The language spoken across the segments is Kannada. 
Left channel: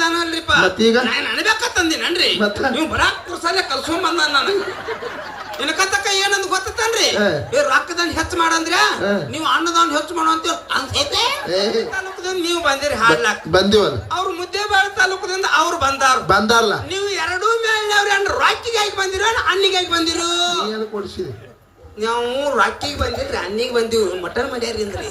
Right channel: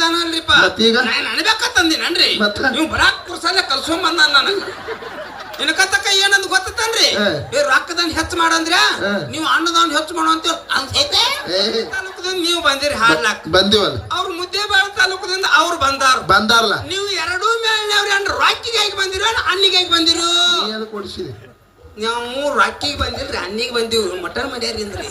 ಅನ್ನದಾನಲ್ರಿಪ್ಪ. ಮತ್ತೀಗ ನಾನು ಅನ್ಬೇಕಂದಿನನ್ರಿ ನೀವು ಬರಾಕ್ ಕುರ್ಸಲ್ಲೇ ಕಲ್ಸ್ಕೊಂಡ್ ಬಂದ ನಾನು. ಇನ್ನ ಕತ್ತಕ್ಕ ಏನಂದ್ ಗೊತ್ತನ್ರಿ, ರೊಕ್ಕದನ್ ಹೆಚ್ಚು ಮಾಡಂದ್ರ ನೀವು ಅನ್ನದವ್ನ ಹೆಚ್ಚು ಮಾಡೋ ಅಂತ ಅನ್ಸೈತೆ. ತಾಲೂಕದಿಂದ ನೀವು ಬಂದಿರಿ ಹಾಡ್ಲಾಕ್ ಬಂದಿವಲ್ಲ, ಅವ್ರು ಮುದ್ದೇಬೇಳ ತಾಲೂಕದಿಂದ ಅವ್ರು ಬಂದಾರಲ್ಲ. ನೀವು ಎರಡೂ ಮೇಲಿನವ್ರು ಏನ್ ರೊಕ್ಕಿಗಾಗಿ ಬಂದಿರೋ ಅನ್ನಿಗಾಗಿ ಬಂದಿರು? ಕೊಡಿಸಿರಿ ನಾವು ರೊಕ್ಕಿಗೆ ಬಂದಿಲ್ರಿ, ಅನ್ನಿಗೆ ಬಂದಿವ್. ಮಟನ್ ಮರ್ಯಾರಿಂದ್ರಿ.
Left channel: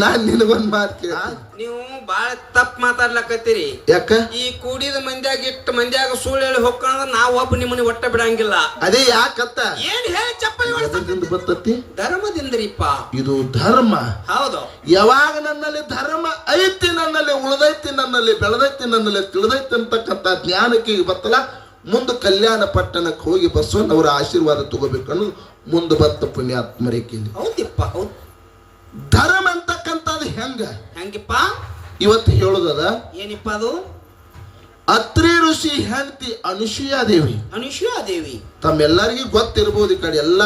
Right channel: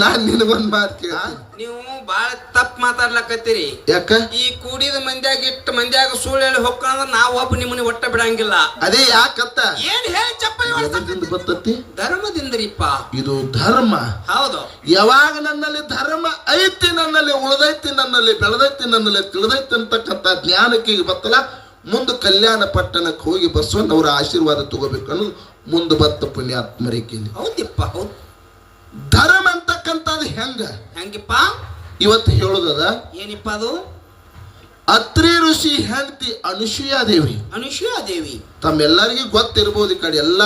ನಾನ್ ನಿನಗೊಂದ್ ಮಾತು ಕೇಳ, ನೀವು ಬಾಳ ತಪ್ಪ ಮಾತಾಡ್ಲಕತ್ತೀರಿ. ಯಾಕ? ಈ ಕೂಡಿದ ಮಂದ್ಯಾಗ ಇಟ್ಟು ಮಂದ್ಯಾಗ ಸುಳ್ಳು ಹೇಳಿ ಹೋಗ್ಕಂದ್ರ ನಾವ್ ಒಬ್ಬ ನಿಮ್ಮನ್ನ ಒಟ್ಟ ಬಿಡಂಗಿಲ್ಲ. ಅದೇ ಯಾಕತ್ತ ಏನ್ ಹೇಳಿ ಚಪ್ಪಲಿ ಬರ್ತತಿ? ಧರ್ಮದಿಂದ್ರಿಪ್ಪ. ಇದು ಧರ್ಮ. ಹೌದು. ಯಾವಾಗ ನನ್ನಲ್ಲಿ ಧರ್ಮ ಐತಿ, ನನ್ನಲ್ಲಿ ಉಳಿದೈತಿ, ನನ್ನಲ್ಲಿ ಬೆಳೆದೈತಿ, ನನ್ನಲ್ಲಿ ತಿಳಿದೈತಿ ಅಂತಕ್ಕಂಥ ಜ್ಞಾನಕ್ಕೆ ಬತ್ತಲ್ಲ, ಮುಂದೆ ಕಲ್ಯಾಣ ಪಟ್ಟಣಕ್ಕೆ ಹೋಗಿ ಬಸವಣ್ಣವರ ಆಶೀರ್ವಾದ ತಗೋಬೇಕು ಅನ್ನೋದು ಮುಂದೆ ಬತ್ತ ಪುಣ್ಯಾತ್ಮರಿಗೆ. ಹೌದಿಪ್ಪ, ಹೌದು. ಧರ್ಮ ಅಂತಕ್ಕಂಥದ್ದು ಹೆಂಗಿಪ್ಪ ಇವತ್ತು ಹೇಳುದದ? ಏನಿಪ್ಪ ಅದು? ಅತ್ರಿ ಋಷಿ ಹೆಂಡತಿ ಅನುಸೂಯಾದೇವಿ. ತಮ್ಮೆಲ್ಲರಿಗೂ ಗೊತ್ತಿರ್ಬೋದು. ಈ ಕಡೆ ಎಲ್ಲ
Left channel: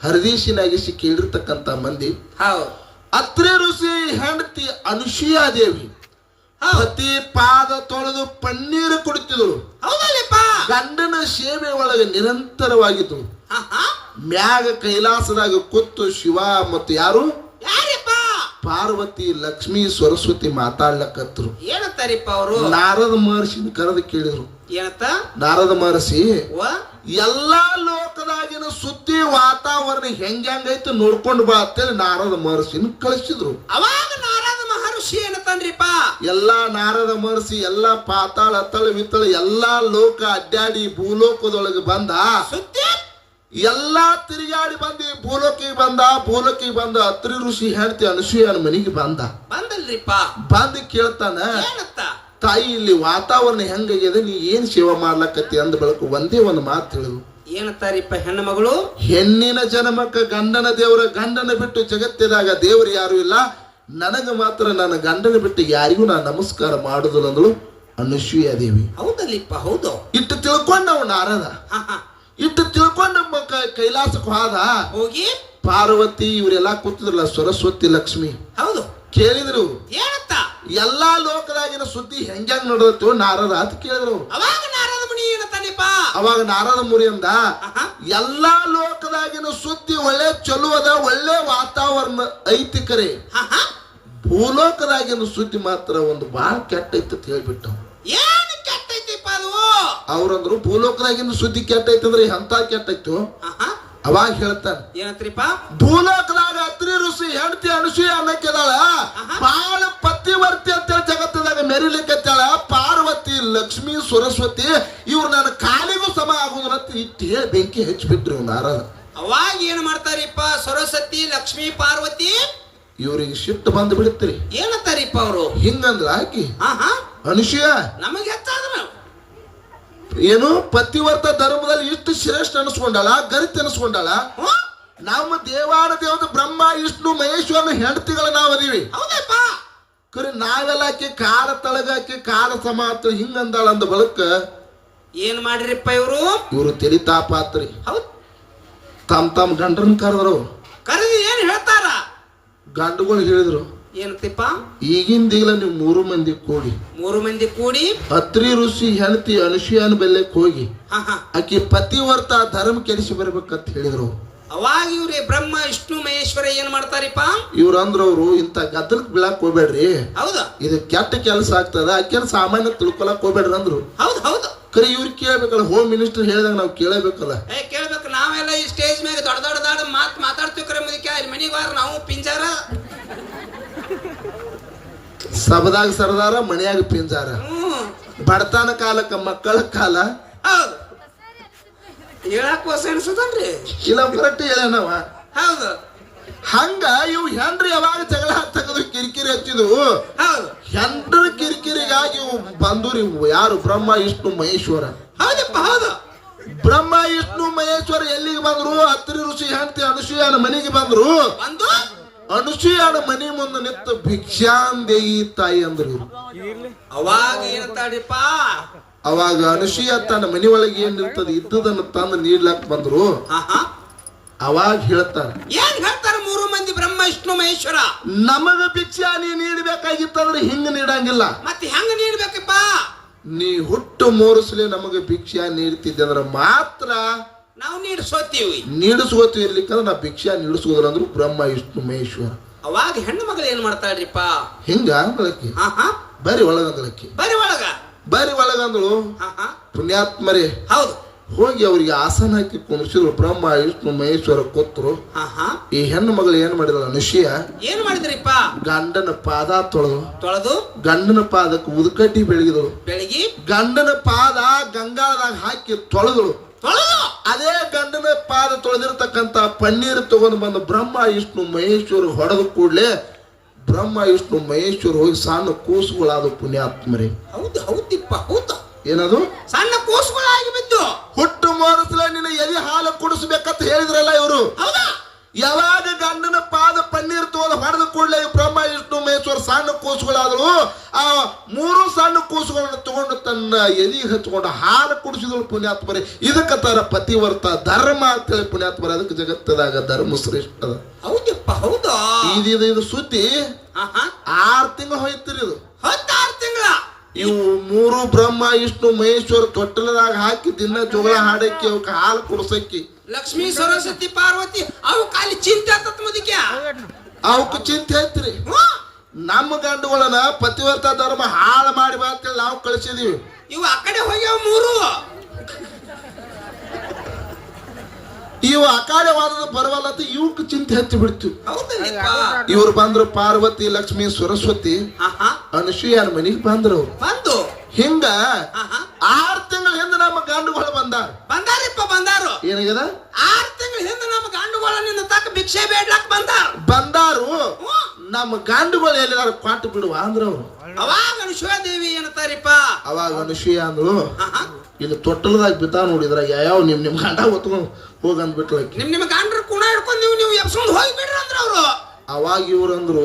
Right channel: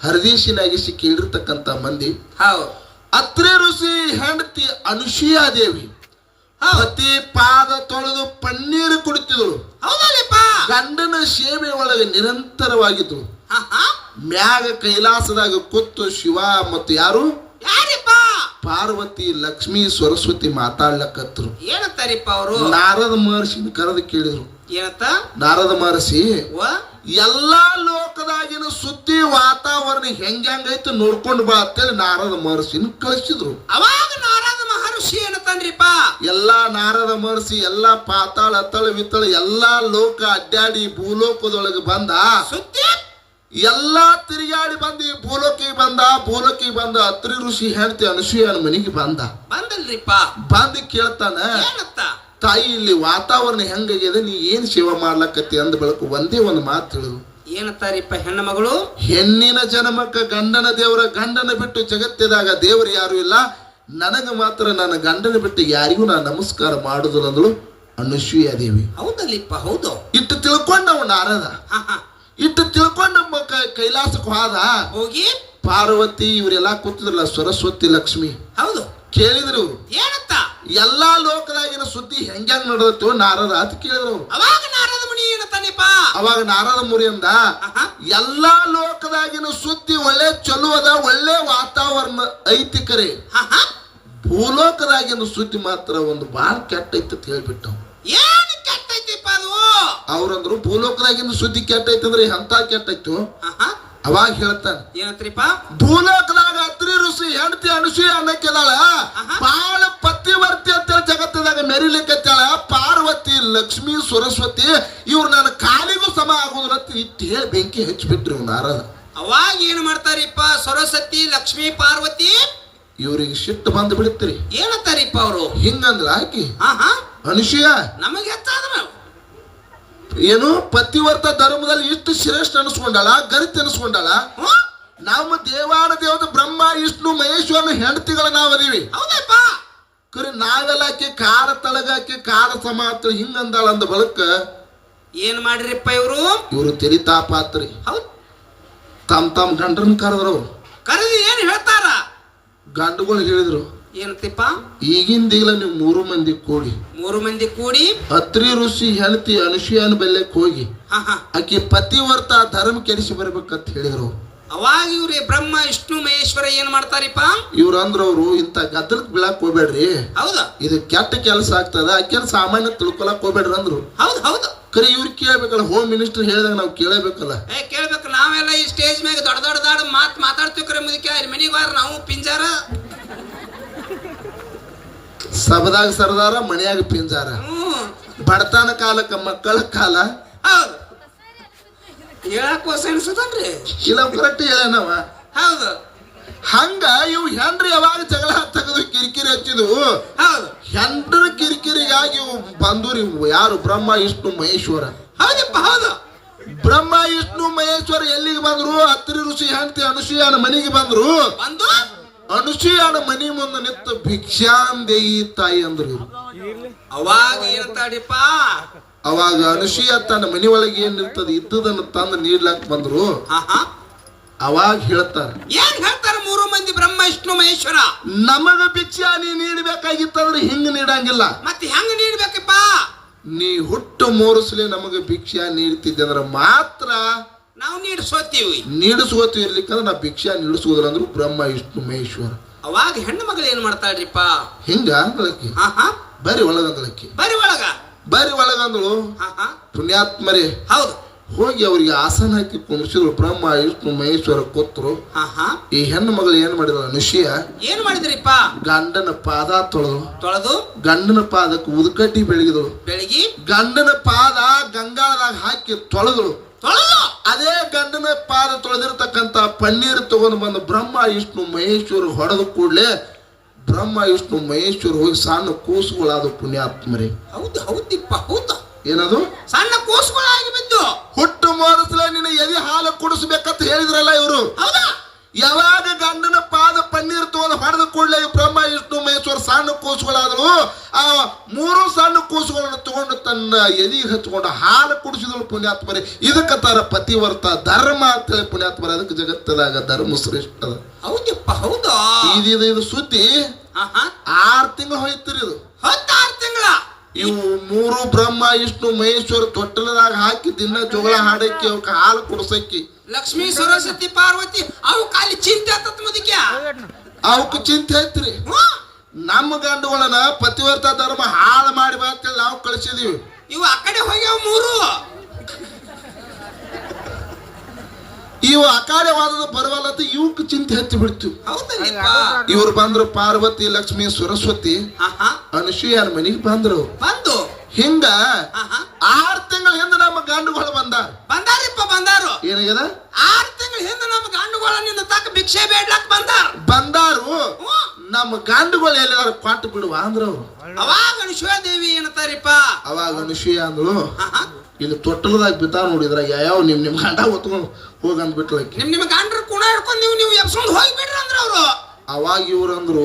ಹರದೀಶಿನಾಗಿಸಿ ಕೇಳಿರ್ತಕ್ಕಂಥ ಮಂದಿ. ಅತ್ರಿ ಋಷಿ ಹೆಂಡತಿ ಅನುಸೂಯಾದೇವಿ ಪತಿ ಪಾದ ತೊಳೆದು ಪನ್ನೀರು ಕುಡಿತಿದ್ರು. ಗಂಡನ ಸೇವೆ ಒಳಗೆ ನಿರಂತರವಾಗಿದ್ದು. ಮ್ಯಾಗ ಕೈಲಾಸದಾಗ ಕೂತು ಶಿವ ಮತ್ತು ಯಾರು ಪಾರ್ವತಿ ಲಕ್ಷ್ಮೀ ಸರಸ್ವತಿ ಮಾತಾಡ್ಲಕತ್ರು. ಏನಂತಾರಿಪ್ಪ ಅವರು? ನಾರದ ಮಹರ್ಷಿನ ಕರೆದು ಕೇಳಿದ್ರು. ಏನಂತ? ನಾರದ ಮಹರ್ಷಿ ಎಲ್ಲಾ ಲೋಕದಾಗಿನ ಸುದ್ದಿ ವಾತಾವರಣ ಹೆಂಗೈತೆ ನೋಡ್ಕೊಂಡು ಬಾ ಅಂತೇಳಿ ನಾರದ ಮಹರ್ಷಿನ ಕಳಿಸಿದ್ರು. ಅವಾಗ ನಾರದ ಮಹರ್ಷಿ ಏನಂತಾನ್ರಿಪ್ಪ? ಎಲ್ಲಾ ನಾರದ ಮಹರ್ಷಿ ಎಲ್ಲಾ ಪಾತಾಳ ಅತ್ತಳ ವಿತ್ತಳ ಎಲ್ಲಾ ಲೋಕ ಅಡ್ಡಾಡಿ ಭೂಲೋಕದೊಳಗೆ ಬಂದ. ಸುದ್ದಿ ಎಲ್ಲಾ ತಿರುಗಾಡಿ ಬಂದು ಭೂಲೋಕಿಗೆ ಬಂದ ಅತ್ರಿ ಋಷಿ ಹೆಂಡತಿ ಅನುಸೂಯನ ಮನೆಗೆ ಬಂದಲ್ರಿಪ್ಪ. ಬಂದು ಕೇಳ್ತಾನ, ತಾಯಿ ಇಲ್ಲಿ ವಾತಾವರಣ ಹೆಂಗಾಗಿದೆ, ನೀ ಏನ್ ಸೇವೆ ಮಾಡ್ಲಕತ್ತಿ ಅಂದ ಬಳಕ ಒಂದೇ ಒಂದು ಮಾತು ಹೇಳಿದ್ರು. ಏನಂತಾರಿಪ್ಪ ಹೆಣ್ಣು ಮಗಳು? ಹೆಣ್ಣಿನ ಜನ್ಮಕ್ಕ ಗಂಡನ ದೇವರ, ಗಂಡನ ಬಿಟ್ಟು ಜಗತ್ತಿದಾಗ ದೇವರು ಯಾರು ಇಲ್ಲ, ನನಗ ಮಾತ್ರ ನನ್ನ ಗಂಡನ ಬಿಟ್ಟು ಯಾರಿಗೂ ನಾನು ನಮಸ್ಕಾರ ಮಾಡುದಿಲ್ಲ ಅಂದಳು ಅನುಸೂಯಾದೇವಿ. ಹೌದಲ್ಲಿಪ್ಪ, ಹೌದು. ಇಟ್ಟು ತಿಳ್ಕೊಂಡ ನಾವು ನಾರದ, ಇಟ್ಟು ತಿಳ್ಕೊಂಡ ಕೈಲಾಸಕ್ಕೆ ಹೋಗಿ ಪಾರ್ವತಿ ಇವರೆಲ್ಲ ಕೂತಿದ್ರಲ್ಲ, ಸರಸ್ವತಿ ಲಕ್ಷ್ಮಿ. ಹೌದು. ಕೇಳಿದ್ರು ಏನಂತ? ಎಲ್ಲಾ ಲೋಕದಾಗಿನ ಸುದ್ದಿ ಹೆಂಗ ನಡೆದತ್ತು ನಾರದ ಅಂತ ಕೇಳಿದ್ರು. ಅವಾಗ ನಾರದ ಮುನಿ ಏನಂತಾನೆಪ್ಪ? ಅವಾಗ ನಾರದ ಮುನಿಯಿಂದ ಎಲ್ಲಾ ಲೋಕದಾಗಿನ ಸುದ್ದಿ ಒಳ್ಳೆ ಚಲೋ ಅದ, ಒಳ್ಳೆ ವಾತಾವರಣ ಐತಿ, ಕರೆ ಭೂಲೋಕದಾಗಿನ ಸುದ್ದಿ ಮಾತ್ರ ಒಂದು ಬಾಳ ಕೆಟ್ಟ ಐತಿ ಅಂತ ಹೇಳ್ಬಿಟ್ಟು. ಏನು ಕೆಟ್ಟೈತಿಪ್ಪ ಅದು? ಅವ್ರಂದ್ರು ಭೂಲೋಕದಾಗಿನ ಸುದ್ದಿ ಕೆಟ್ಟೈತಿ ಅಂದ್ರೆ ಎಂತ ಕೆಟ್ಟೈತು. ಅವಾಗ ಹೇಳ್ತಾನೆ, ಏನಂತ್ರಿಪ್ಪ? ಭೂಲೋಕದಾಗ ಅತ್ರಿ ಋಷಿ ಹೆಂಡತಿ ಅನುಸೂಯ ಅನ್ನಕ್ಕೆದಾಳ, ಬಾಳ ಪತಿವರ್ತಿ ಅಂತೇಳಿ ಜಗತ್ತದಾಗ ಮೆರಿಲಿಕ್ಕತ್ತಾಳ. ಪಾರ್ವತಿ ಲಕ್ಷ್ಮೀ ಸರಸ್ವತಿ ಇವ್ರು ನನ್ನ ಕಾಲಿಗೂ ಸಮ ಆಗುದ್ರ ಇಟ್ಟು ಹೇಳಿ ಬೆಂಕಿ ಹಚ್ಚಿಬಿಟ್ರಿ ನಾರದ. ಅವಾಗ ಏನ್ ಮಾಡ್ತಾರಿಪ್ಪ? ಸರಸ್ವತಿ ಲಕ್ಷ್ಮೀ ಪಾರ್ವತಿ ಇವ್ರಿಗೆ ಸಿಟ್ಟು ಬಂದು ಬಿಡುತ್ತೀರಿ. ಏನಂತಾರಿಪ್ಪ ಅವರು? ಹಿಂಗಂದ್ರ ಆಕಿ ಅನುಸೂಯ ನಮಗೆ ಹೆಚ್ಚಾದ್ರ ಏನು ಪತಿವರ್ತ ಧರ್ಮದಲ್ಲಿ ಇಷ್ಟು ಶ್ರೇಷ್ಠ ಅನಿಸ್ಕೊಂಡಾಳ, ಗರಿತ ಅನಿಸ್ಕೊಂಡಾಳ. ನಮ್ಮ ದೇವಾನ ದೇವದ ಬ್ರಹ್ಮ ವಿಷ್ಣು ಮಹೇಶ್ವರನ ಹೆಂಡತಿಗಳ ನಾವದೀವಿ. ಕರೆ ನಾವೆಲ್ಲಾಕಿ ಕಾಲ ತಳಗಾಕಿ ಕಾಲ ಸಮಾತ ಹಿಂಗಂದಾಳ ಅಂದ ಬಳಕ ಏನ್ ಮಾಡಿರಿಪ್ಪ ಇವರು ತೆರಿತಾಪಾತ್ರಿ. ತಮ್ ಗಂಡರನ್ನ ಕರೆದ್ರು. ಕರೆದು ಏನ್ ಹೇಳ್ತಾರ? ಗಂಡುಗಳು ಹೇಳಿದ್ರು, ಏನಂತಿಪ್ಪ? ಈಗಿಂದೀಗಲ ನೀವು 3 ಮಂದಿ ಕೂಡಿ ಅತ್ರಿ ಋಷಿ ಹೆಂಡತಿ ಅನುಸೂಯನ ಬೆಲ್ಲಕ್ಕೆ ಹೋಗಿ ಆಕಿ ಪತಿವರ್ತ ಧರ್ಮ ಕೆಡಿಸಿ ಬರ್ಬೇಕಂತ ಹೇಳಿದ್ರು. ಅವಾಗ ಇವ್ರಿ ಬ್ರಹ್ಮ ವಿಷ್ಣು ಮಹೇಶ್ವರ ಏನ್ ಮಾಡ್ತಾರಿಪ್ಪ? ಇವ್ರು ಅಂದ್ರವ್ರು ಇಂತ ಗದ್ದಲಕ್ ಬೀಳಕ್ ಹೋಗ್ಬೇಡ್ರಿ, ಹೌದಾ ಇದು ಕೆಟ್ಟ ಕೆಲಸ ಆಗ್ತದ, ಆ ಸಾಮಾನ್ಯ ತಿಳ್ಕೊಳಕ್ ಹೋಗ್ಬೇಡ್ರಿ ಅಂದ್ರು. ಹೌದು. ಕರೆ ಇವ್ರು ಕೇಳ್ಬೇಕಲ್ಲ, ಹೋಮ್ ಮಿನಿಸ್ಟರ್ ಹೇಳಿದಾಗ ನಾವು ಕೇಳಬೇಕಲ್ಲ. ಕೇಳ್ಬೇಕು. ನಾವೆಲ್ಲ ಈ ಸ್ಟೇಜ್ ಮ್ಯಾಗ ದೊಡ್ಡ ಮಾತಾಡ್ತೀವಿ. ಕರೆ ಮುದಕ್ಕೆ ಮನಿಗೆ ಬಾರ ನಾವು ಪಿಂಜಾರ, ಸಬದಾಗ ಸರದಾರ, ಮನೆಯಾಗ ಪಿಂಜಾರ. ಬಡತನ ಕಾಲಕ್ಕ ಮಕ್ಕಳ ಕಾಲ. ಹೌದು. ಹೇಳಕ್ ಹೊಸ ಅನ್ಸುತ್ತನ್ರಿ ಇಲ್ಲ, ಕರೆಕ್ಟ್ ಹೇಳನವ. ಹೌದು. ಹಂಗ ಇವು ಹೆಂಡ್ರಿ ಯಾವಾಗ ಜಗಳ ತೆಗೆದು ಕಿರಿಕಿರಿ ಹಚ್ಚಿದ್ವು. ಹೆಂಡ್ರ ಕಿರಿಕಿರಿಗಾಗಿ ಇವು ಬಂದೂರಿ. ಯಾರು? ಬ್ರಹ್ಮ ವಿಷ್ಣು ಮಹೇಶ್ವರ. ಹೌದಪ್ಪ, ಹೌದು. ಬ್ರಹ್ಮ ವಿಷ್ಣು ಮಹೇಶ್ವರ ಎಲ್ಲಿಗೆ ಬಂದ್ರು? ಅತ್ರಿ ಋಷಿ ಹೆಂಡತಿ ಅನುಸೂಯನ ಮನೆಗೆ ಬಂದ್ರು. ಅನುಸೂಯನ ಮನಿ ಮುಂದೆ ನಿಂತು ಭಿಕ್ಷಾಂದೇಯಿ ತಾಯಿ ಅಂದ್ರು. ಅವಾಗ ಏನಂತಾಡಿಪ್ಪ? ಅವಾಗ ಅನುಸೂಯ ತನ್ನ ಮನಿ ಒಳಗೆ ಏನ್ ಇರ್ತದೆ ಇದ್ದುದನ್ನು ತಂದು ನೀಡ್ಲಾಕ್ ಬಂದ್ರು. ಅವಾಗ ಹೇಳ್ತಾರ, ಏನ್ ಹೇಳ್ತಾರ? ಮೂರು ಮಂದಿ ಬ್ರಹ್ಮ ವಿಷ್ಣು ಮಹೇಶ್ವರ. ನಮಗ ಭಿಕ್ಷಾ ನೀ ನೀಡಬೇಕಾಗಿತ್ತಂದ್ರೆ ಹಿಂಗ ನೀಡಂಗಿಲ್ಲ. ಮತ್ತೆ ಹೆಂಗ ನೀಡ್ಬೇಕಪ್ಪ? ನೀ ಹುಟ್ಟು ಮೂರುಸಲಿ ನಮಗೆ ಭಿಕ್ಷಾ ನೀಡ್ತಿದ್ದೆ ಅಂದ್ರೆ ಮಾತ್ರ ನಾವು ನೀಡಿಸೋತೀವಿ. ನೀಡಿಸ್ಕೋತಿ ಇರ್ಲಿಕ್ಕಂದ್ರೆ ನಾ ಭಿಕ್ಷಾ ನೀಡಿಸೋದ್ರ ಅಂದ್ರು ಬ್ರಹ್ಮ ವಿಷ್ಣು ಮಹೇಶ್ವರ. ಅವಾಗ ಹೆಣ್ಣು ಮಗಳು ಏನ್ ಮಾಡ್ತಾಳ್ರಿಪ್ಪ? ಹಿಂಗ ಅಂದಳಕ್ಕಿ ಬರಿ ಒಳಗಂದಳಕ್ಕಿ ಬರಿ ಒಳಗಂದಳು. ಪುಣ್ಯಾತ್ಮರೇ ಹೌದು, ಹೋಗಿ ಅವ್ರಿಗೆ ಆಸನ ಹಾಕಿ ಕುಣಿಸಿದ್ರು. ಬ್ರಹ್ಮ ವಿಷ್ಣು ಮಹೇಶ್ವರ ಕೂತ್ರು. ಈ ಹೆಣ್ಣು ಮಗಳು ಏನ್ ಮಾಡಿದ್ರು? ಅನುಷಿಯ ಏನ್ ಮಾಡಿದ್ರಿಪ್ಪ? ಗಂಡನ ಪಾದ ತೊಳೆದು ಗಂಡನ ಪಾದಕ್ಕೆ ಉದಕಟ್ಟಿ ಬೆಳಗಿದಳು. ಗಂಡನ ಪಾದ ಗಂಗಾದಾಗ ಹಾಕಿ ತೊಳೆದಳು. ಅದೇ ಗಂಡನ ಪಾದ ತೊಳೆದಿರ್ತಕ್ಕಂತ ಪನ್ನೀರ್ ತಗೊಂಡು ಬಂದು ಬ್ರಹ್ಮ ವಿಷ್ಣು ಮಹೇಶ್ವರ ಹೊಡೆದ ಕೂಡ್ಲೆ ಬ್ರಹ್ಮ ವಿಷ್ಣು ಮಹೇಶ್ವರ ಹೋಗಿ ಸಣ್ಣ ಕೂಸುಗಳಾದ. ಪುಣ್ಯಾತ್ಮರೇ ಹೌದು, ಹೌದಿಪ್ಪ, ಹೌದು. ಏನದು? ಸಣ್ಣ ಕೂಸುಗಳಾಗಿ ಬಿದ್ದು ಹುಟ್ಟು ಮೂರಸಲ ನಿನ್ನ ಎದೆ ಹಾಲು ಕುಡಿಸ್ಬೇಕಂತ ಹೇಳಿದ್ರಲ್ಲ ಇವರು. ಯಾವಾಗ ಗಂಡನ ಪಾದ ಪನ್ನೀರ್ ತಗೊಂಡು ಹೊಡೆದ ಕೂಡಲೇ ಬ್ರಹ್ಮ ವಿಷ್ಣು ಮಹೇಶ್ವರ ಸಣ್ಣ ಕೂಸುಗಳಾದ್ರು. ಆ ಮೂರು ಸಣ್ಣ ಕೂಸುಗಳನ್ನ ತಗೊಂಡು ತನ್ನ ಎದಿಗೆ ಹಚ್ಕೊಂಡು ಹಾಲು ಕುಡಿಸಿದಳು. ಪುಣ್ಯಾತ್ಮರೇ ಇದಕ್ಕ ತರ ಪತಿವರ್ತ ಧರ್ಮ ಅಂತ ಹೇಳಿ ಪುಣ್ಯಾತ್ಮರೇ. ಅದಕ್ಕೆ ಜಗತ್ತದಾಗ ಧರ್ಮ ಶ್ರೇಷ್ಠ ಅದ. ಹೌದಪ್ಪ, ಹೌದು. ಇದು ಸುದ್ದಿ 6 ತಿಂಗಳು ಹೋಯ್ತಿರಿ. ಇದು 6 ತಿಂಗಳ. ಇವು ಮೂರು ಬ್ರಹ್ಮ ವಿಷ್ಣು ಮಹೇಶ್ವರ ತೊಟ್ಟಲದಾಗ ಹಾಕಿ ದಿನ ಜೋಗಳ ಹಾಡಕ್ಕಿ ಅವಕ್ಕೆ ಹಾಲು ಕುಡಿಸಕ್ಕಿ. ಲಕ್ಷ್ಮೀ ಸರಸ್ವತಿ ಪಾರ್ವತಿ ಅವು ಖಾಲಿ ಚಿಂತೆ ಅಂತ ಮುದಕ್ಕೆ ಅವಕ್ಕೆ ಚಿಂತೆ ಐತ್ರಿ. ನಮ್ಮ ಗಂಡುಗಳನ್ನ ಪತಿವರ್ತ ಧರ್ಮ ಹಾಳು ಮಾಡಿ ಅಂತೇಳಿ ನಾವು ಕಳಿಸಿದೀವಿ. ಇವು ಆ ಕಡೆ ಹೋಗ್ಯಾವ ಮೂರು. ಇವು ಅಕಾಲವಾದ ಬರವಲ್ಲ ಇವಕ್ಕೆ ಚಿಂತೆ ಹಚ್ಚಿ ಬಿಡ್ತು. ಇವ್ರು ಬಂದ್ರು ಪಾರ್ವತಿ ಲಕ್ಷ್ಮಿ ಸರಸ್ವತಿ ಅನುಸೂಯನ ಮನೆಗೆ ಬಂದ್ರು. ಹಿಂಗ 6 ತಿಂಗಳ ಹಿಂದೆ ನಮ್ಮ ಗಂಡುಗಳು ಬಂದಾರು. ಏನಾಗ್ಯದ? 6 ತಿಂಗಳ ಹಿಂದೆ ನಮ್ಮ ಗಂಡುಗಳ ನಿನ್ನ ತಕ್ಕ ಭಿಕ್ಷೆ ಬೇಡ್ಲಕ್ ಬಂದಾರು. ನಮ್ಮ ಗಂಡುಗಳು ಎಲ್ಲಿದಾರ ಕೊಟ್ಟು ಬಿಡುವ ಅಂದ್ರ ಅವ್ರು. ಅವಾಗ ಅನುಸೂಯ ದೇವಿ ಏನಂತಾರಿಪ್ಪ? ಅವಾಗ ಅನುಸೂಯ ಅಂದ್ರು ಇಲ್ಲಿ ತೊಟ್ಟಲದಾಗ ಬಿದ್ದ ನೋಡಿದ್ರ ಯಾವ ನಿಮ್ ಗಂಡ ಹೊತ್ಕೊಂಡು ಹೋಗಂದ್ ಬಿಟ್ಲ. ನಿಮ್ ಗಂಡ್ರ ಕುಣ ಹಿಡ್ಕೊಂಡು ನೀವು ಎಬ್ಸ್ಕೊಂಡು ಹೋಗಿ ಬಿಡ್ರಿ ಅಂದ್ರ ಅವ್ರು. ಅವಾಗ ಇವ್ರಂದ್ರು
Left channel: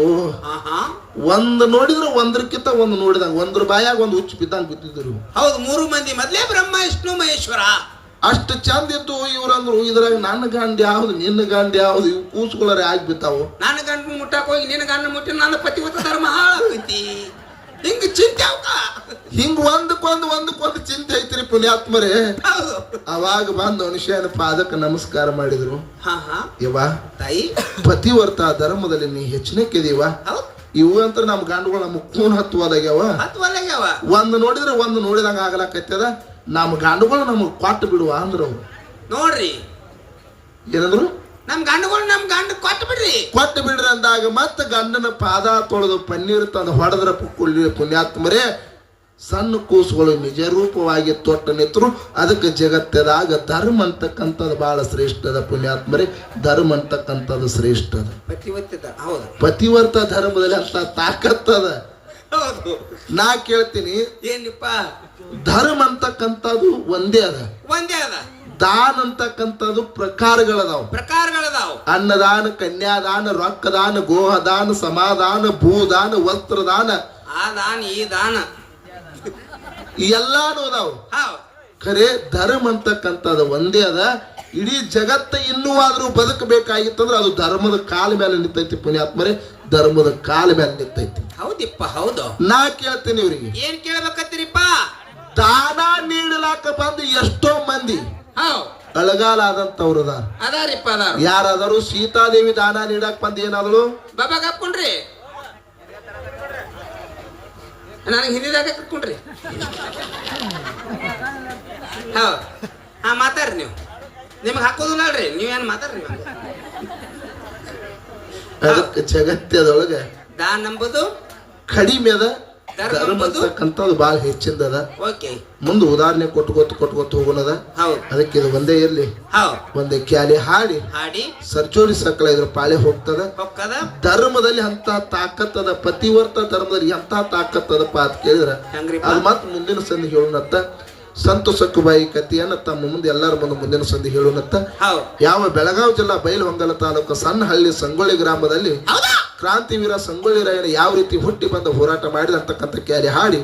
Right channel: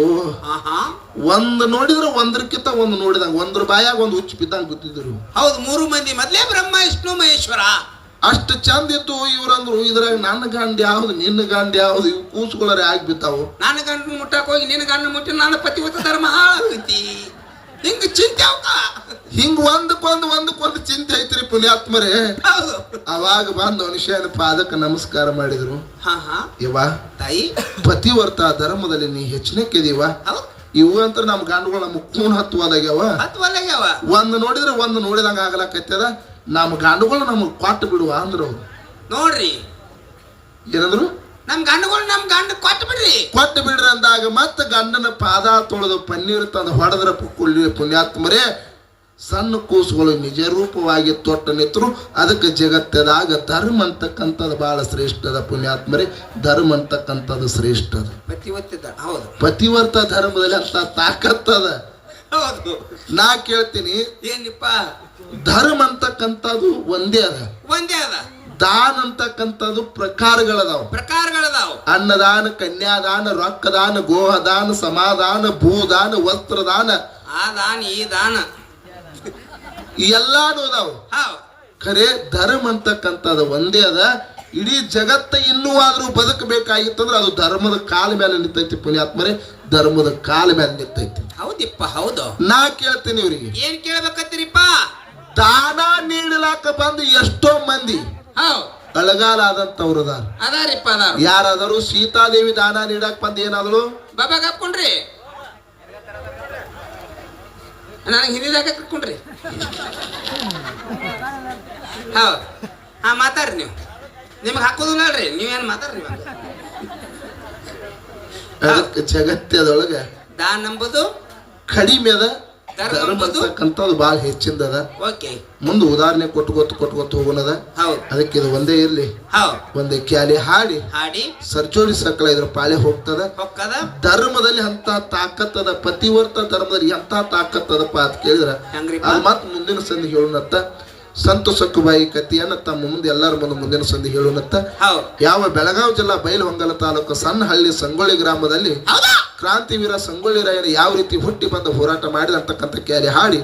ಒಂದ್ ನೋಡಿದ್ರ ಒಂದ್ರಕ್ಕಿಂತ ಒಂದ್ ನೋಡಿದಂಗ ಒಂದ್ರ ಬಾಯಾಗ ಒಂದ್ ಹುಚ್ಚು ಬಿದ್ದಂಗ ಬಿದ್ದಿದ್ರು. ಹೌದು, 3 ಮಂದಿ ಮೊದ್ಲೇ ಬ್ರಹ್ಮ ವಿಷ್ಣು ಮಹೇಶ್ವರ ಅಷ್ಟು ಚಂದ ಇತ್ತು. ಇವ್ರಂದ್ರು ಇದ್ರಾಗ ನನ್ನ ಗಂಡ ಯಾವ್ದು ನಿನ್ನ ಗಂಡ ಯಾವ್ದು ಇವು ಕೂಸುಗಳರೆ ಆಗಿ ಬಿತ್ತಾವು. ನನ್ನ ಗಂಡನ ಮುಟ್ಟಾಕ ಹೋಗಿ ನಿನ್ನ ಗಂಡನ ಮುಟ್ಟಿ ನನ್ನ ಪತಿವತ ಧರ್ಮ ಹಾಳಾಗೈತಿ. ಹಿಂಗ ಚಿಂತೆ ಹಿಂಗ ಒಂದಕ್ಕೊಂದು ಚಿಂತೆ ಐತ್ರಿ ಪುಣ್ಯಾತ್ಮರೇ. ಅವಾಗ ಬಂದು ಅನುಷಯನ ಪಾದಕ್ಕೆ ನಮಸ್ಕಾರ ಮಾಡಿದ್ರು. ಯವ್ವ ತಾಯಿ, ಪತಿವರ್ತ ಧರ್ಮದಲ್ಲಿ ನೀ ಹೆಚ್ಚಿನಕ್ಕಿದೀವ. ಇವು ಅಂತ ನಮ್ ಗಂಡುಗಳು ನಮ್ಮ ಕೂನ್ ಹತ್ತುವಲಾಗ್ಯಾವ. ಒಂದ್ ನೋಡಿದ್ರೆ ಒಂದ್ ನೋಡಿದಂಗ ಆಗ್ಲಕತ್ತದ. ನಮ್ಮ ಗಂಡುಗಳು ನಮಗ್ ಕೊಟ್ಟು ಬಿಡುವ ಅಂದ್ರು ಅವ್ರು. ನೋಡ್ರಿ ಏನಂದ್ರು? ನಮ್ ಗಂಡುಗಳು ನಮ್ ಗಂಡ ಕೊಟ್ಟು ಬಿಡ್ರಿ ಅಂದಾಗ ಮತ್ತ ಗಂಡನ ಪಾದ ತೊಳೆದು ಪನ್ನೀರ್ ತಂದು ಹೊಡೆದ್ರ ಪುಣ್ಯಾತ್ಮರೇ ಸಣ್ಣ ಕೂಸುಗಳು ನಿಜ ರೂಪವಾಗಿ ತೊಟ್ಟ ನಿಂತರು. ಅದಕ್ಕೆ ಜಗತ್ತದಾಗ ಧರ್ಮ ಅಂತಕ್ಕಂಥದ್ದು ಬಹಳ ಶ್ರೇಷ್ಠದ ಪುಣ್ಯಾತ್ಮರೇ. ಧರ್ಮ ಅಂತಕ್ಕಂಥದ್ದು ಶ್ರೇಷ್ಠದ. ಪತಿವರ್ತ ಧರ್ಮದಲ್ಲಿ ಅಂತ ತಾಕತ್ತದ. ನಾ ಕೇಳ್ತೀನಿ, ಏನಿಪ್ಪ ಧರ್ಮ ಅಂತಕ್ಕಂಥದ್ದು ಒಂದೇ ಅದ. ದಾನ ಅಂತಕ್ಕಂಥದ್ದು ಪ್ರಕಾರಗಳದಾವ. ಅನ್ನದಾನ, ಕನ್ಯಾದಾನ, ರೊಕ್ಕದಾನ, ಗೋಹದಾನ, ಸಮಾಧಾನ, ಭೂದಾನ, ವಸ್ತ್ರದಾನ, ಆ ದಾನ ಈ ದಾನ ಎಲ್ಲಾನು ಅದಾವ. ಖರೆ ಧರ್ಮ ಅಂತಕ್ಕಂಥದ್ದು ಒಂದೇ ಅದ. ಇಡೀ ಜಗತ್ತ ಇನ್ನೂ ಆದ್ರೂ ಬದುಕಬೇಕಾಗಿತ್ತಂದ್ರೆ ಅದು ಧರ್ಮದ ಕಾಲ ಮೇಲೆ ನಿಂತೈತಿ ಪುಣ್ಯಾತ್ಮರೇ. ಧರ್ಮದ ಕಾಲ ಮೇಲೆ ನಿಂತೈತಿ. ಹೌದಿಪ್ಪ, ಹೌದು. ನಾ ಕೇಳ್ತೀನಿ ಇವ್ರಿಗೆ, ಏನ್ ಕೇಳ್ಬೇಕತ್ತೀರಿಪ್ಪ? ದಾನ ನೀಡಲಾಕ ಬಂದು ಎಷ್ಟೋ ಮಂದಿ ಅಳಗಾಲ ಆದಂತವ್ರು ಅದಾರಿಪ್ಪ. ಯಾರಾದರೂ ಸೀತಾದೇವಿ ದಾನ ನೀಡಕ್ ಬಂದು ಏನಾದ್ರು ಬಾಬಾಗ ಹಾಕೊಂಡ್ರಿ, ನನಗೆ ಹಿಂದಿದಾಗ ಕಟ್ಕೊಂಡ್ರಿ. ಮಾತಾಡ್ರಿ ನೀವು. ನಿಮ್ಗೆ ಹಾಕೋದಿಲ್ಲ ಅಲ್ರಿ, ನೀವೇನ್ ಮಾತಾಡ್ರಿ. ಅದಕ್ಕೆ ಜಗತ್ತದೊಳಗೆ ದಾನ ನಂಬುದು ಕಡಿಮೆ ಅದ, ಧರ್ಮ ಅಂತಕ್ಕಂಥದ್ದು ಬಹಳ ಹೆಚ್ಚಿಂದದ. ಮುಂದೆ ಉದಾಹರಣೆ ಕೊಟ್ಕೊತ ಹೋಗೋಣದ. ಅದಕ್ಕೆ ಇದು ಒಂದೇ ಇರ್ಲಿ, ಒಂದೇ ಕ್ಯಾಲಿ ಹಾಡಿ ಸರ್ಚೋಡಿ ಸಕಲ ಇದ್ರ ಪಾಳೆ ಹೋಗ್ತದ. ಧರ್ಮದಲ್ಲಿ ಅಂತ ತಾಕತ್ತದ, ಪತಿವರ್ತ ಧರ್ಮದಲ್ಲಿ ಎಂತ ತಾಕತ್ತದಪ್ಪ ಅಂತ ಕೇಳಿದ್ರ ಅದು ಮತ್ ಮುಂದಿನ ಸಂಧಿ ಹೇಳೋಣತ್ತ. ಸಂತೋಷಕ್ಕೂ ಬಾಯಿ ಕಥೆಯನ್ನ ತಮ್ಮ ಮುಂದೆ ಎಲ್ಲರ ಮುಂದಿನ ಸಂಧಿ ಹೇಳೋಣತ್ತ. ಯಾವ ಬೆಳಗಾವಿ ಜಿಲ್ಲಾ ಬೈಲಹೊಂಗಲ ತಾಲೂಕು ಸಣ್ಣಹಳ್ಳಿ ಸಂಗೊಳ್ಳಿ ಗ್ರಾಮದಲ್ಲಿ ಕ್ರಾಂತಿವೀರ ಸಂಗೊಳ್ಳಿ ರಾಯರು ಯಾವ ರೀತಿ ಹುಟ್ಟಿ ಬಂದು ಹೋರಾಟ ಮಾಡಿದ ಅಂತಕ್ಕಂಥ ಕ್ಯಾಲಿ ಹಾಡಿ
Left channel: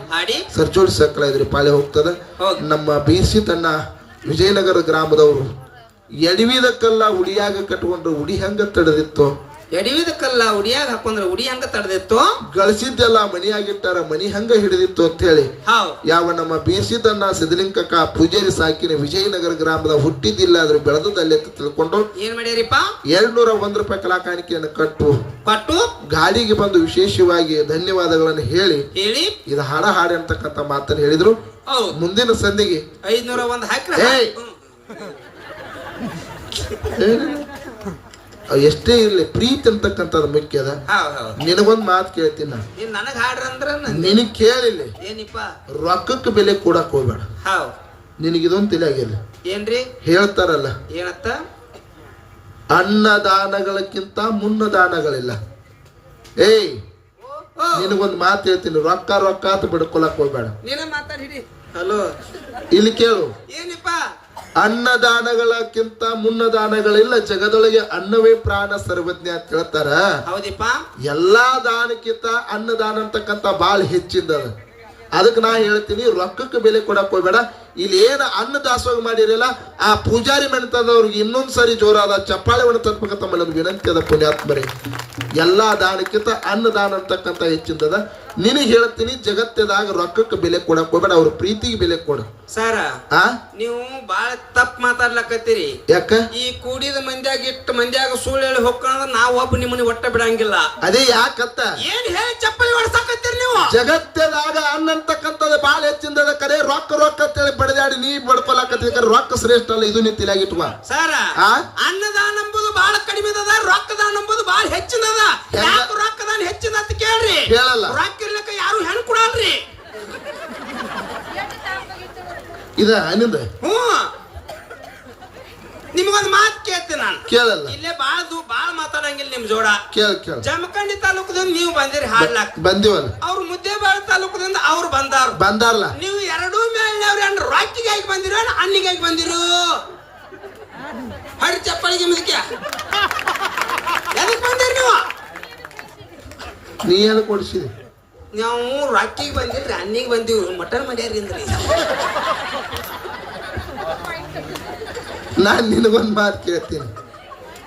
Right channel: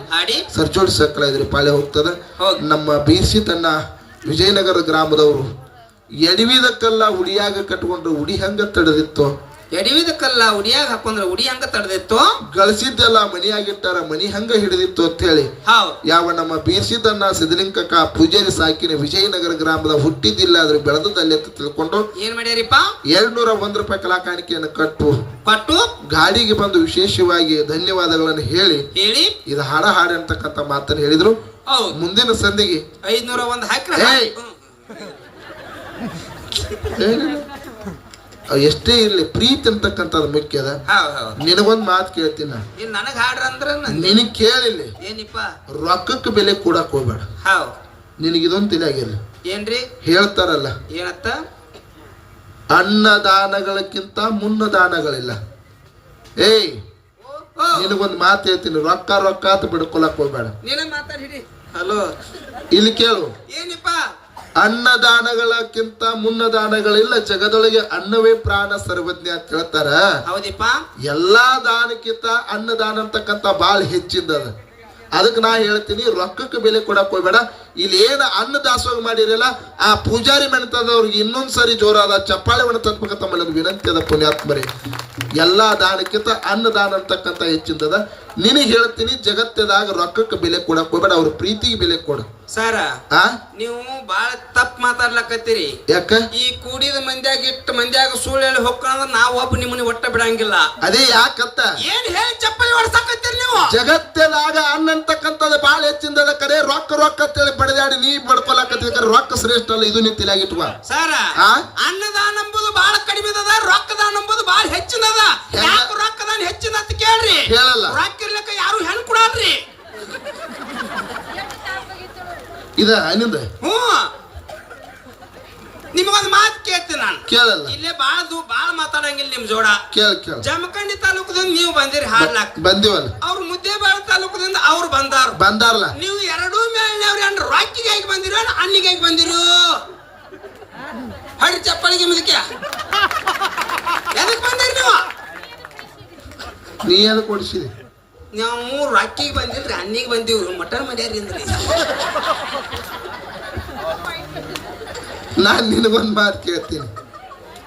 ಸರ್ಚೋಡಿ ಸಕಲ ಇದ್ರ ಪಾಳೆ ಹೋಗ್ತದ. ನಮ್ಮ ಬೀರ್ಸಿ ತನ್ನ ವಿಜಯನಗರ ಗ್ರಾಮದವರು ಎಡವಿದ ಕಲ್ಲ ಉಡಿಯಾಗ ಕಟ್ಕೊಂಡ್ರು ಉಡಿ ಹೆಂಗ ತಡೆದಿತ್ತು ಎಡವಿದ ಕಲ್ಲ ಉಡಿಯಾಗ ಹಾಕೊಂಡ್ರ ಉಡಿ ಹಂಗ ತಡೆದಿತ್ತು. ಗಳಿಸಿದ್ದೆಲ್ಲ ಮನಿಯಾಗಿಟ್ಟಾರ ಮನಿ ಹಂಗ ಹಿಡಿದಿತ್ತು ಅಂತ ಹೇಳಿ ಯಾವ ನಮ್ಮ ಬೀಸಿದನ್ನ ಸಿದ್ಧಲಿಂಗಕ್ಕ ಪೂಜಾರಿ ಸಾಕಿನ ವಿಜಯನಗರ ಗ್ರಾಮದ ಹುಟ್ಟಿದ್ದಿಲ್ಲ ಆದ್ರೂ ಬೆಳೆದದಲ್ಲಿ ಅಂತ ತಿಳ್ಕೊಂಡು ಏನ್ ಮಾಡ್ಯಾರಿಪ್ಪ 201 ರೂಪಾಯಿ ಕಲಾಕಾಣಿಕೆಯನ್ನು ಕೊಟ್ಟು ಗಾಡಿಗೆ ಬಂದು ವಿಶೇಷವಾಗಿ ಧನ್ಯವಾದಗಳನ್ನು ಹೇಳಿ ಇದು ಹಾಡು ಅಂತಕ್ಕಂಥ ಮಾತನ್ನು ಹೇಳಿದ್ರು. ಮುಂದಿನ ಸಂಧಿಗೆ 501 ಹಾಕ್ರ ಎಷ್ಟೇ ಇರ್ಲಿ ಪ್ರೀತಿ ಅಂತಕ್ಕಂಥದ್ದು ಮುಖ್ಯ ಅದ. ನಿನಗೊಂದ್ ಮಾತು ಕೇಳ್ತೀನಿ ನನಗ್ ಹಾಡ್ರ ಅಂದ್ರ ನಿನಗ್ ಕೇಳಿಲ್ಲ ಏನಿಪ್ಪ ರೊಕ್ಕಕ್ಕೆ ಬೆಲೆ ಕೊಡಕ್ ಹೋಗ್ಬೇಡ. ನಿನಗಿದೊಂದು ತಿಳಿಯಾಗಿಲ್ಲ ಏನ್ರಿ ಹೇಳ್ತಾರಲ್ಲ ಏನತ್ತ ಅನ್ನದಾನಗಳಕ್ಕಿಂತ ಮುನ್ನದಾನಗಳಿಲ್ಲ. ಏಯ್ ನಿನಗೊಂದ್ ಮಾತು ಹೇಳ್ತೀನಿ ರೊಕ್ಕ ಅಂತ ಬಿಡ್ಕೊಳಕ್ ಹೋಗ್ಬೇಡ. ನೀನೇ ಮಾತಾಡಿ. ಹಲೋ ಇಲ್ಲಿ ಕೇಳು ಏನಿಪ್ಪ ಅನ್ನದಾನಗಳಕ್ಕಿಂತ ಮುನ್ನದಾನಗಳಿಲ್ಲ. ಜಗದೊಳಗೆ ಅನ್ನವೇ ಪ್ರಾಣ ಸರ್ವಜ್ಞ ಅಂತ ಹೇಳ್ತಾರ. ಹೌದಿಪ್ಪ ಎಲ್ಲಾ ದಾನಕ್ಕಿಂತ ಅನ್ನದಾನ ಅಂತಕ್ಕಂಥ ಬಾಳ ಹೆಚ್ಚಿಂದದ. ಅದಕ್ಕೆ ನಾ ಹೇಳ್ತೀನಿ ರೊಕ್ಕಕ್ಕೆ ಬೆಲೆ ಕೊಡಕ್ ಹೋಗ್ಬೇಡ. ಇಲ್ಲಿ ಏನ ಅನ್ನ ದಾಸೋಹ ಮಾಡಿರಲ್ಲ ಆ ಪೂಜಾರಿ ಮೆಣತದವ್ರಿಗೆ ಇನ್ನೊಂದ್ಸರಿ ಜೋರಾದ ಚಪ್ಪಾಳೆವನ್ನು ತಪ್ಪಕ ತಮ್ಮಲ್ಲಿ ವಿನಂತಿ ಅದ ಪುಣ್ಯಾತ್ಮರಿ. ಎಲ್ಲಾ ದಾನಕ್ಕಿಂತ ಅನ್ನದಾನ ಅಂತಕ್ಕಂಥ ಹೆಚ್ಚಿಂದದ. ನಿನಗೆ ಹೇಳ್ತೀನಿ ಜಗತ್ತದಾಗ ರೊಕ್ಕಕ್ಕೆ ಬೆಲೆ ಕೊಡಕ್ ಹೋಗ್ಬೇಡ, ಅವ್ರ ಪ್ರೀತಿಗೆ ಬೆಲೆ ಕೊಡು. ಸರ ನೀವು ಬಾಳ ತಪ್ಪು ಮಾತಾಡ್ಲಕತ್ತೀರಿ. ಯಾಕ ಈ ಕೂಡಿದ ಮಂದ್ಯಾಗ ಇಟ್ಟು ಮಂದ್ಯಾಗ ಸುಳ್ಳು ಹೇಳಿ ಹೋಗ್ಕೊಂಡ್ರ ನಾವ್ ಒಬ್ಬ ನಿಮ್ಮನ್ನ ಒಟ್ಟ ಬಿಡಂಗಿಲ್ಲ. ಅದೇ ಯಾಕತ್ತ ಏನ್ ಹೇಳಿ ಚಪ್ಪಲಿ ಹೊಡ್ಸಕತ್ತೀರಿ ನೀವು. ಜಗತ್ತದಾಗ ಅನ್ನ ಅಂತಕ್ಕಂಥದ್ದು ಬಾಳ ಹೆಚ್ಚಿಂದದ ಕರೆ ರೊಕ್ಕ ಅಂತೇಳಿ ಬಡದಾಡಿ ನೀ ಬಡ್ಕೊಳಕತ್ತೀರಿ. ರೊಕ್ಕ ಶ್ರೇಷ್ಠ ಅಲ್ಲ, ಇದು ನೀವು ತಿಳಿಯಾಗಿಟ್ವ ಸರ. ಅನ್ನದಾನ ಎಂಬುದು ಬಹಳ ಕಡಿಮೆ ಅದ, ರೊಕ್ಕದಾನ ಎಂಬುದು ಬಹಳ ಹೆಚ್ಚಿನದ. ಯಾಕೆ ರೊಕ್ಕದಾನ ಹೆಚ್ಚಿನ ಅಂತ ಕೇಳ್ರಿ. ಕೇಳಲ್ಲ. ರೊಕ್ಕ ಇರ್ಲಿಕ್ಕ ಯಾರು ಹೆಣ್ಣು ಕೊಡಲ್ರಿ. ಇದ ನಿಂದ ನಿಮಗೊಂದು ಮಾತು ಕೇಳ್ತೀನಿ ನಾನು. ಕೇಳಲ್ಲ. ಇಲ್ಲೇ ಬಾಳ ಮಾತಾಡಂಗಿಲ್ಲ ನಿಮ್ ಜೋಡ. ಕೇಳ ಜಮಖಂಡಿ ತಾಲೂಕದಿಂದ ನೀವು ಬಂದಿರಿ ಹಾಡ್ಲಾಕ್. ಬಂದಿವಲ್ಲ. ಅವ್ರು ಮುದ್ದೇಬಾಳ ತಾಲೂಕದಿಂದ ಅವ್ರು ಬಂದಾರಲ್ಲ. ನೀವು ಎರಡೂ ಮೇಲ್ನವ್ರು ಏನ್ ರೊಕ್ಕಿಗಾಗಿ ಬಂದಿರೋ ಅನ್ನಿಗಾಗಿ ಬಂದಿರು. ಹಡಿ ಚಪ್ಪಳಿಗೆ ಮುದಕ್ಕೆ ಎದಕ್ ಬಂದಿರಿ ನೀವು? ನೀ ಎದಕ್ ಕೊಡಿಸಿದಿ? ನಾವು ರೊಕ್ಕಿಗೆ ಬಂದಿಲ್ರಿ, ಅನ್ನಿಗೆ ಬಂದಿವಿ. ಮಟನ್ ಮಾಡ್ಯಾರಿ ಅಂದ್ರಿ. ನಾನ್ ನಿನಗೊಂದ್ ಮಾತು ಕೇಳ್ತೀನಿ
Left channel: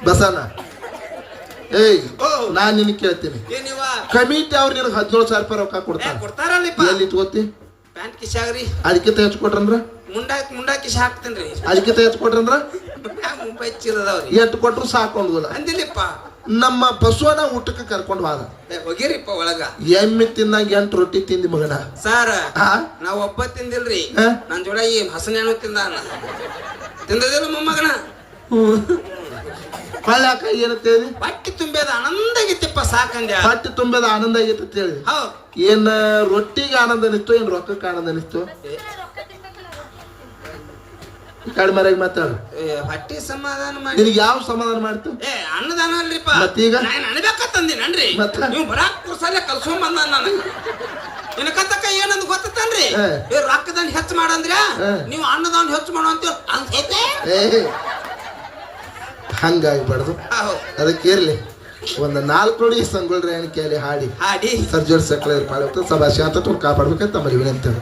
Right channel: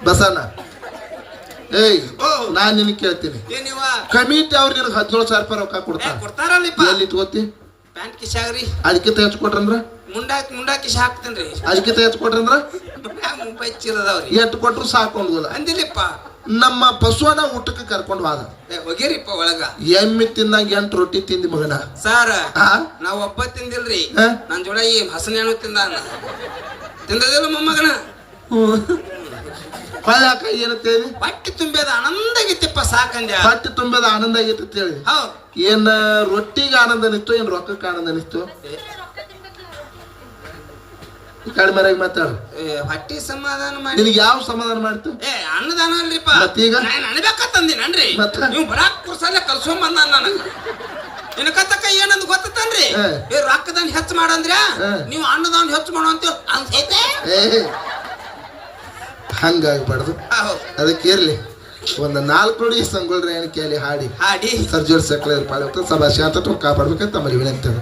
ಬಸಣ್ಣ. ಏಯ್ ನಾನ್ ನಿನಗೆ ಕೇಳ್ತೀನಿ, ಕಮಿಟಿ ಅವ್ರು ನಿನಗೆ 17,000 ರೂಪಾಯಿ ರೊಕ್ಕ ಕೊಡ್ತಾರಲ್ಲ, ಎಲ್ಲಿ ಇಟ್ಕೋತಿ? ಪ್ಯಾಂಟ್ ಕಿಶಾಗ್ರಿ. ಅದಕ್ಕಿಂತ ಹೆಚ್ಚು ಕೊಟ್ರಂದ್ರ ಮುಂಡಾ ಕಿಶ ಹಾಕ್ತೇನ್ರಿ. ಅದಕ್ಕಿಂತ ಹೆಚ್ಚು ಕೊಟ್ರಂದ್ರ ಮುಂಬೈ ಚಿರದವ್ರಿ ಎಷ್ಟು ಕೊಟ್ರು ಸಾಕೊಂಡಿಲ್ಲ ಅಂದಿಲ್ಲಪ್ಪ. ನಮ್ಮ ಬಸವನ ಊಟಕ್ಕೆ ಕರ್ಕೊಂಡು ಹೋದ. ಹೋಗಿರಿಪ್ಪ ಒಳಗ. ಎಮ್ಮೆ ತಿಂದಾಗ 8 ರೊಟ್ಟಿ ತಿಂದಿ ಮಗನ. ಸರ್ ನಾವ್ ಒಬ್ಬ ತಿಂದಿಲ್ರಿ, ನನ್ ಜೋಡ ಈ ಹಸನೇನು ತಿಂದದಿಲ್ಲ ಮೊಮ್ಮಗನ. ಹೊಳ್ಯಾಕ ಏನಂತೇಳಿ ಹೊಟ್ಟೆ ತುಂಬೇದ ಆನಂದ ಆಗಿತ್ತಿಪ್ಪ ಸಾಕಂದ್ಯ. ಹೊಟ್ಟೆ ತುಂಬೇದ ಆನಂದ ಆಗೈತಿ ಅಂತ ಹೇಳಿ ಏನ್ ರೊಟ್ಟಿಗೆ ಆನಂದ ಅನಿಸ್ತು ಏನ್ ರೊಕ್ಕಕ್ಕೆ ಆನಂದ ಅನಿಸ್ತು? ಕಡಿಮೆ ಮಾತಾಡ. ಹೊಟ್ಟೆ ಸಮಾಧಾನ ಮಾಡಿ ನಿನಗೆ ಯಾವ ಸಮಾಧಾನ ಮಾಡ್ತು? ಅನ್ನದಾನ ಅಲ್ರಿಪ್ಪ. ಮತ್ತೀಗ ಅನ್ಬೇಕಂದಿನನ್ರಿ ನೀವು ಬರಾಕ್ ಕುರ್ಸಲ್ಲೇ ಕಲ್ಸ್ಕೊಂಡ್ ಬಂದ ನಾನು. ಇನ್ನ ಕತ್ತಕ್ಕ ಏನಂದ್ ಗೊತ್ತನ್ರಿ, ರೊಕ್ಕದಾನ್ ಹೆಚ್ಚು ಮಾಡಂದ್ರ ನೀವು ಅನ್ನದಾನ್ ಹೆಚ್ಚು ಮಾಡೋ ಅಂತ ಅನ್ಸೈತೆ. ಹಂಗಾಗ್ಬಾರ್ದು. ಅದಕ್ಕೆ ಇರ್ಲಿ ಒಂದು 4 ನುಡಿ ಸಂಗೊಳ್ರಿ ಕೇಳಿ ಹಾಡಿ ಸರ್ಜೋಡ್ ಸಕಲ ಪಾಳ ಸದಾ ಶಾಂತ ಕಾಪಾಡ್ಬೇಕಂತ ತಮ್ಮಲ್ಲಿ ವಿನಂತಿ.